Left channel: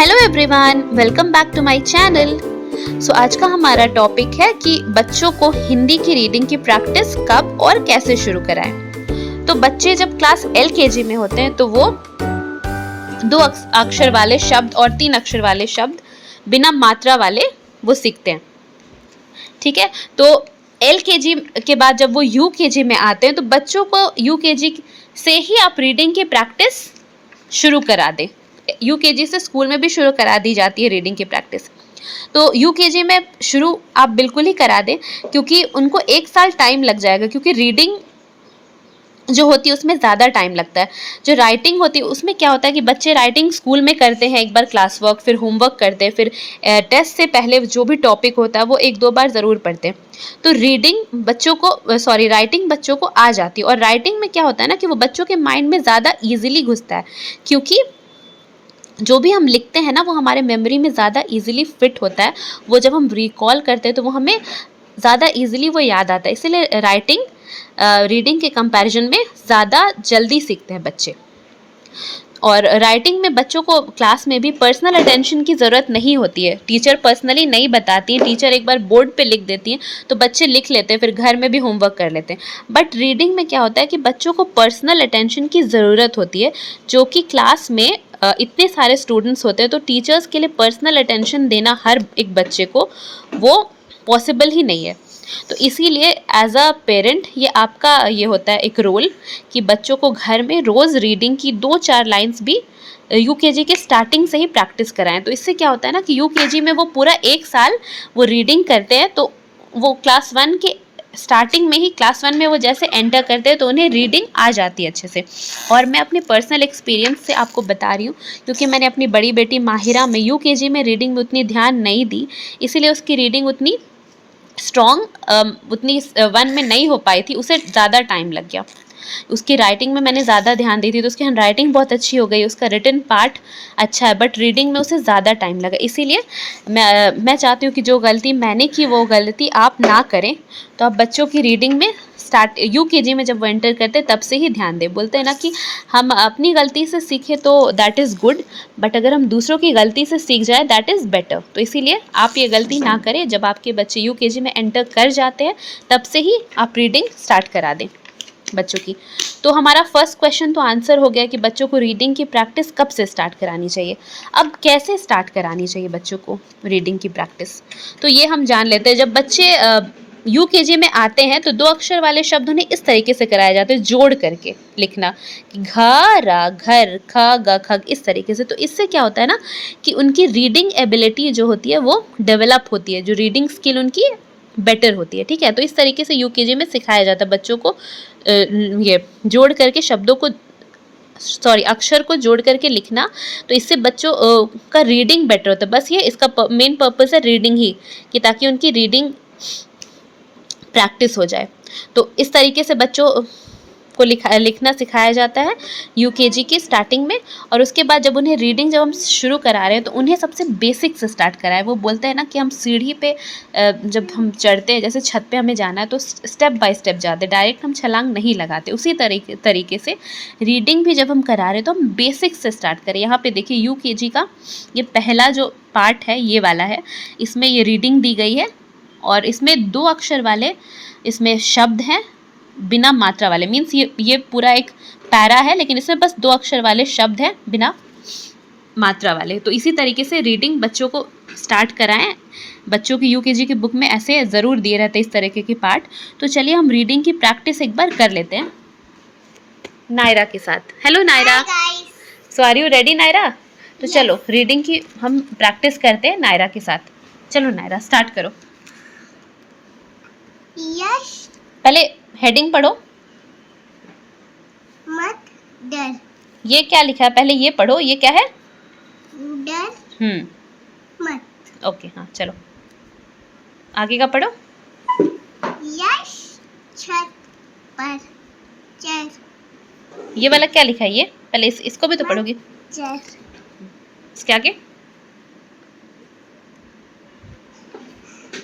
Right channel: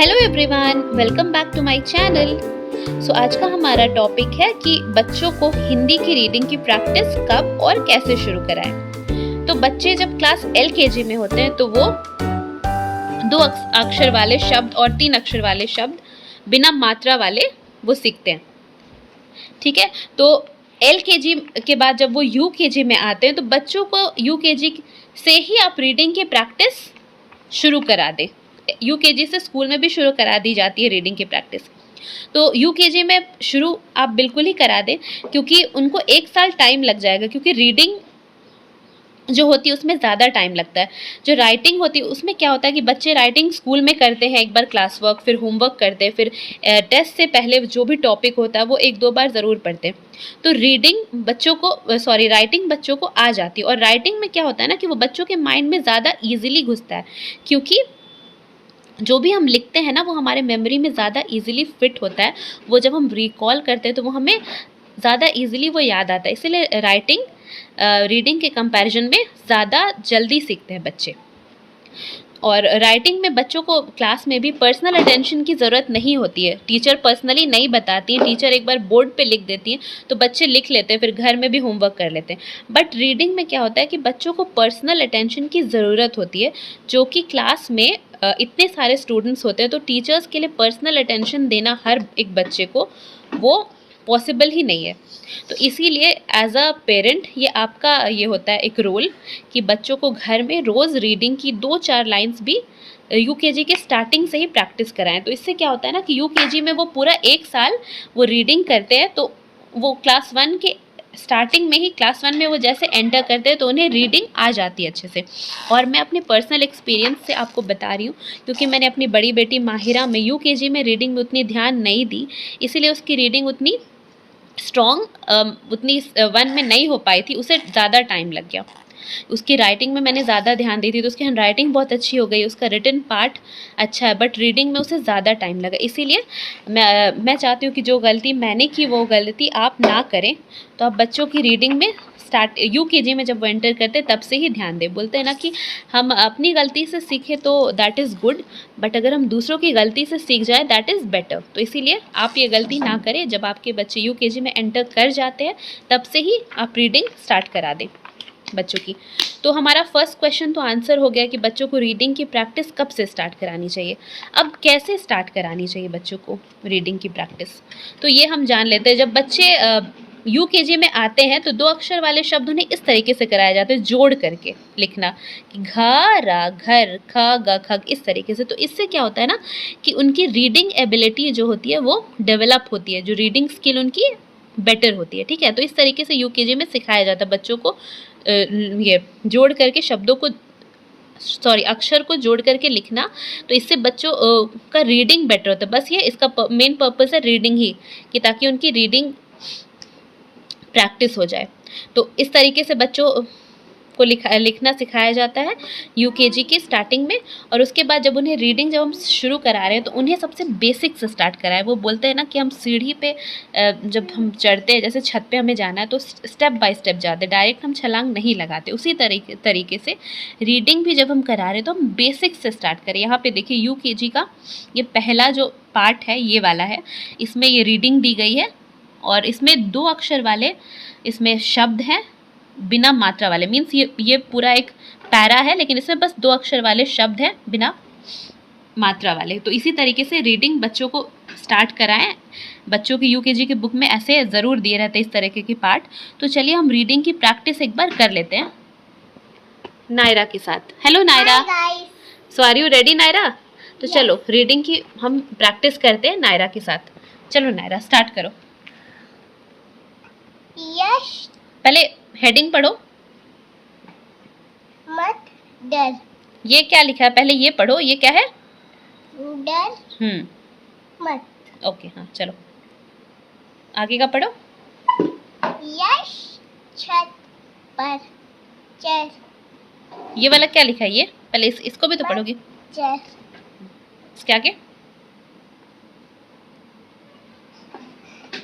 Hello everyone, welcome back to my channel. आज का हमारा टॉपिक है कि बच्चों को हिंदी की रीडिंग की प्रैक्टिस कब और कैसे शुरू कराएं। तो बच्चे जब क्लास LKG में होते हैं तो वो 2 अक्षर वाले शब्द और 3 अक्षर वाले शब्द बिना मात्रा वाले वो सीखते हैं। ठीक है, तो LKG के बाद जब वो UKG में आते हैं तो बच्चों को UKG से ही आप रीडिंग की प्रैक्टिस शुरू करा दें। UKG से स्कूल में भी शुरू करा दी जाती है रीडिंग की प्रैक्टिस। तो UKG में शुरू आप बिल्कुल ही करा दें, क्योंकि उनको 1 साल टाइम लग जाएगा, क्योंकि रीडिंग जो होती है उसमें ज़्यादा टाइम लगता है। जो राइटिंग होती है उसमें क्या होता है कि बच्चे राइटिंग स्कूल में करते हैं, एक बार क्लास वर्क, फिर होमवर्क करते हैं, फिर टेस्ट से पहले जो भी टॉपिक होता है वो 1-2 बार ज़रूर पढ़ते हैं। तो राइटिंग बच्चों को आ जाती है, और राइटिंग में क्या होता है ना कि वो बच्चों के माइंड में ज़्यादा ईजिली घुसता है, क्योंकि जो भी हम लिखते हैं ना वो हमारे मेमोरी में ज़्यादा इजीली फिट होता है। वो जब हम रिकॉल करते हैं तो वो हमें ज़्यादा इजीली वो याद आता है, इसीलिए राइटिंग रीडिंग के कंपैरिजन में ज़्यादा जल्दी सीखते हैं बच्चे। और राइटिंग में बच्चों को क्लास में भी पर्सनल अटेंशन की ज़रूरत नहीं होती है। टीचर पर्सनली नहीं बताती हैं, टीचर एक बार बोर्ड पे लिख देती हैं तो बच्चे लिख लेते हैं, फिर घर में भी होमवर्क कर लेते हैं। बट रीडिंग में क्या होता है कि बच्चों को पर्सनल अटेंशन की ज़रूरत होती है, जो कि क्लास में इतने सारे स्टूडेंट्स होते हैं तो टीचर्स के लिए पर्सनल अटेंशन देना हर एक बच्चे को वो पॉसिबल ही नहीं है। तो इसीलिए एज अ पेरेंट ये आपका ये होता है एक रोल कि बच्चों को घर में रोज़ रीडिंग की 2-4 लाइन्स भी UKG के स्टार्टिंग से ही प्रैक्टिस कराएं। तो इससे क्या होता है ना कि UKG में वो पूरा 1 साल वो रीडिंग करते हैं, तो वो क्लास 1 के स्टार्टिंग में ही क्लास 1 में वो जैसे एंटर करते हैं तो उन्हें रीडिंग आ जाती है अच्छे से। और मैं अपने पर्सनल एक्सपीरियंस से आपको बता रही हूँ, क्योंकि मैंने अपनी बड़ी बेटी माहिरा में UKG में रीडिंग में उतनी ध्यान नहीं दी, इसीलिए उसकी रीडिंग उतनी स्ट्रॉन्ग उतनी 1 में नहीं हो पाई थी, उसे ज़्यादा टाइम लग गया। उसकी राइटिंग में मैंने ज़्यादा ध्यान दी थी तो उसकी हैंड राइटिंग बहुत अच्छी हो गई, उसका रिटन पार्ट अच्छा है, बट रीडिंग में उसे ज़्यादा टाइम लगा। इसीलिए मैं चाहती हूँ कि जो गलती मैंने की वो गलती आप ना करें। तो आप बच्चों की रीडिंग में UKG में जब वो एंटर करते हैं तब से ही ध्यान दें। बोलते हैं ना कि हम अपनी गलती से सीखें तो दैट इज़ गुड, बट अगर हम दूसरों की गलती से सीख जाए दैट इज़ बेटर। तो इसीलिए आप ये गलती ना करें। जब आपके बच्चे UKG में एंटर कर जाते हैं तब से ही आप रीडिंग स्टार्ट करा दें बच्चों की। तो हमारा फर्स्ट क्वेश्चन तो आंसर हो गया कि बच्चों को रीडिंग की प्रैक्टिस कब से स्टार्ट करानी चाहिए। अब कैसे स्टार्ट करानी चाहिए बच्चों को रीडिंग की प्रैक्टिस, तो ये हम जान लेते हैं। जब बच्चे UKG में आते हैं तो 2 अक्षर वाले शब्द उन्हें इस तरीके से कराए जाते हैं, जोड़ करके लिखना कि घ रा घर ख ग खग, इस तरीके से। तो इससे क्या होता है ना कि उनकी रीडिंग एबिलिटी जो होती है वो डेवलप होती है, जो रीडिंग स्किल उनकी बेटर होती है। ठीक है, तो इस तरीके से UKG में सिखाया जाता है बच्चों को ये जोड़ करके शब्दों को अक्षर को जोड़ करके लिखना। तो इससे बच्चों का रीडिंग बेटर होता है। बस ये इसका मेन पर्पस है रीडिंग ही, कि ताकि उनकी रीडिंग प्रैक्टिस हो जाए। तो इस तरीके से बच्चों को लिखना सिखाया जाता है UKG की स्टार्टिंग में। और उसके बाद जब उन्हें रीडिंग जब हम शुरू करा रहे हैं तो उन्हें सबसे बेसिक से स्टार्ट कराएं। वो बोलते हैं ना कि हम सीढ़ी पे जब हम चढ़ते हैं, जैसे छत पे हमें जाना है तो स्टेप बाय स्टेप जाते हैं, डायरेक्ट हम छलांग नहीं लगाते। उसी तरीके से रीडिंग भी जब हम करा रहे हैं तो हम बेसिक से स्टार्ट करें। यहाँ पे देखिए UKG का ये पहला जो पार्ट है ये वाला है, इसमें ये रीडिंग दी गई है और इसमें 2 अक्षर वाले इसमें शब्द हैं बिना मात्रा वाले। मीन्स ये पूरा एक पैरा है लेकिन इसमें बस 2 अक्षर वाले शब्द हैं बिना मात्रा वाले। तो इसी तरीके से रीडिंग बच्चों को स्टार्ट कराएं। बच्चों की UKG की बुक में ऐसे ज़रूर दिए रहते हैं इस तरीके के पार्ट। तो चलिए हम रीडिंग की प्रैक्टिस एक बार कर लेते हैं नायरा के साथ। Hello Naira, so are you ready Naira? तो चलो रीडिंग की हम प्रैक्टिस करते हैं नायरा के साथ। चलो नायरा स्टार्ट करो। यश पहले हेडिंग पढ़ो। मत डर। ये क्या लिखा है पहले ये पढ़ो, ये क्या है? डर मत। ओके, हाँ चलो आगे का पढ़ो। यश छत पर चढ़। ये वाला क्या लिखा है? ये पहले इसको भी तो पढ़ोगी। चढ़। इसके आगे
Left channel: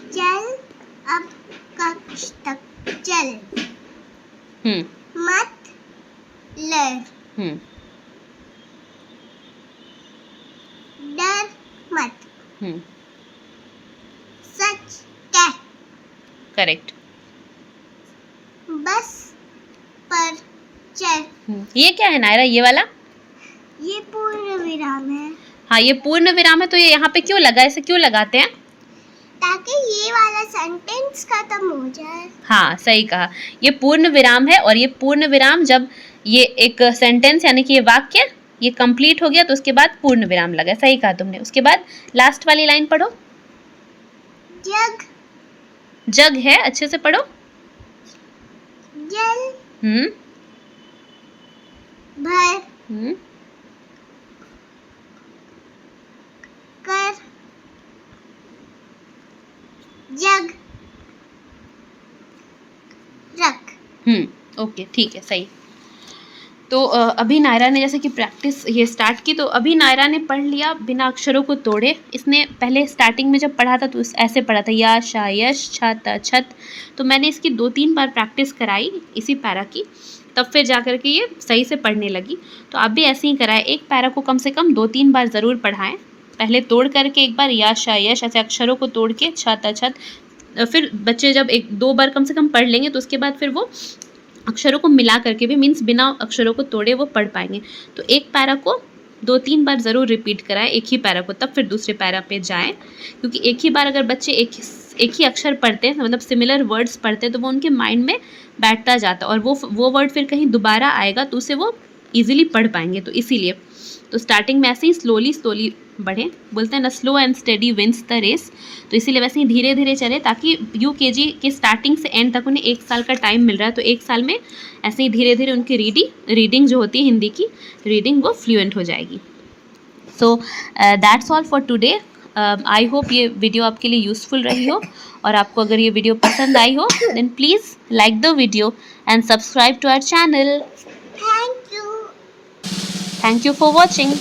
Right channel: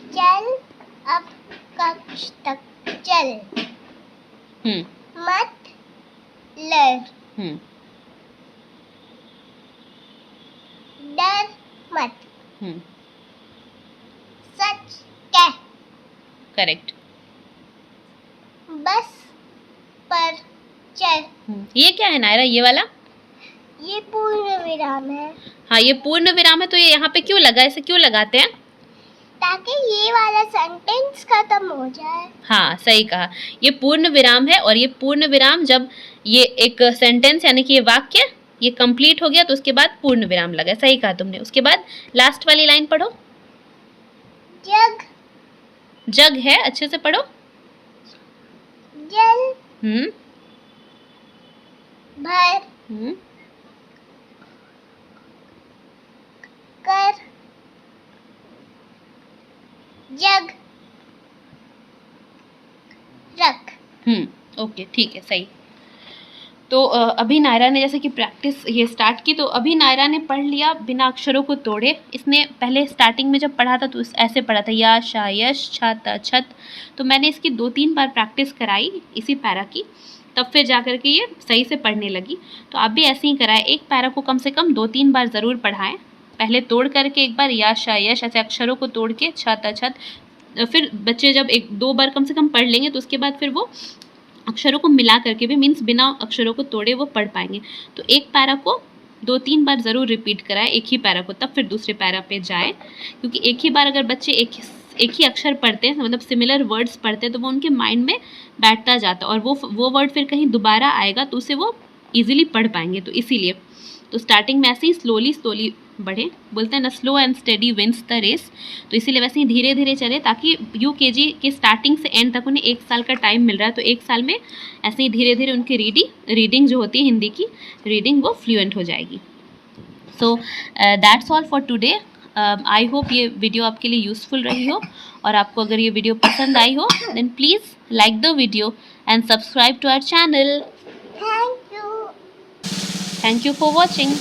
चल अब कक्ष तक चल। मत लड़। हम्म डर मत, हम्म, सच कह, करेक्ट। बस पर चल। ये क्या है नायरा, ये वाला? ये पूर्ण विराम है, हाँ, ये पूर्ण विराम है, तो ये यहाँ पे क्यों लगा, इसे क्यों लगाते हैं? ताकि ये वाला सेंटेंस खत्म हो जाए। हाँ, सही कहा। ये पूर्ण विराम है, और ये पूर्ण विराम जब ये एक सेंटेंस यानी कि ये वाक्य ये कंप्लीट हो गया तो उसके बाद पूर्ण विराम लगा। सही कहा तुमने। उसके बाद लास्ट वाली लाइन पढ़ो। जग, जग है, अच्छे से पढ़ो। जल हम्म, भर हम्म, कर, जग रख। ओके, ठीक है, सही। तो अभी नायरा ने जैसे कि प्रैक्टिस ये स्टार्ट की, तो अभी नायरा ने पढ़ लिया बिना अक्षरों को तोड़े। इसने पहले स्टार्टिंग में जब पढ़ा था तो ऐसे पढ़ा था, या शा यश छा त छत। तो मैंने इसकी 2-3 बार प्रैक्टिस कराई इसी पैरा की, तब फिर जा कर के ये सही से पढ़ने लगी। तो आप भी ऐसे ही कराएं, एक पैरा को कम से कम 2-3 बार ज़रूर पढ़ाएं। पहले तोड़ करके एक बार, या शा यश ऐसे अक्षरों को तोड़ के, छा त छत। फिर बच्चे जब 1-2 बार कम से कम पढ़ लेंगे तो उसके बाद फिर वो अक्षरों को मिला करके भी, मीन्स बिना अक्षरों को तोड़े, वो पढ़ पाएंगे। तो एक पैरा को 2-3 बार ज़रूर रिपीट कराएं, एक ही पैरा को, तब फिर दूसरे पैरा पे जाएं। क्योंकि एक ही बार अगर बच्चे एक ही अक्षर पढ़ते हैं, मतलब सिमिलर वर्ड्स पढ़ते हैं, तो वो उनके माइंड में बैठता जाता है, और वो वर्ड फिर कहीं दोबारा आएगा तो उसे वो ईजिली पढ़ पाएंगे। तो इसीलिए तो स्टार्टिंग में ऐसे ही स्लोली बढ़े, बोलते हैं ना, slow and steady wins the race. तो इसीलिए वैसे ही धीरे धीरे चले, ताकि यूकेजी के स्टार्टिंग से एंड तक उन्हें 1 साल का टाइम मिल रहा है। तो 1 साल में ऐसे ही धीरे धीरे उनकी रीडिंग जो होती है, हिंदी की रीडिंग, वो फ्लुएंट हो जाएगी। So that's all for today. I hope ये वीडियो आपके लिए यूज़फुल रही हो, और आपको अगर ये वीडियो पसंद आई हो then please like the video and subscribe to our channel. Thank you. Thank you for watching.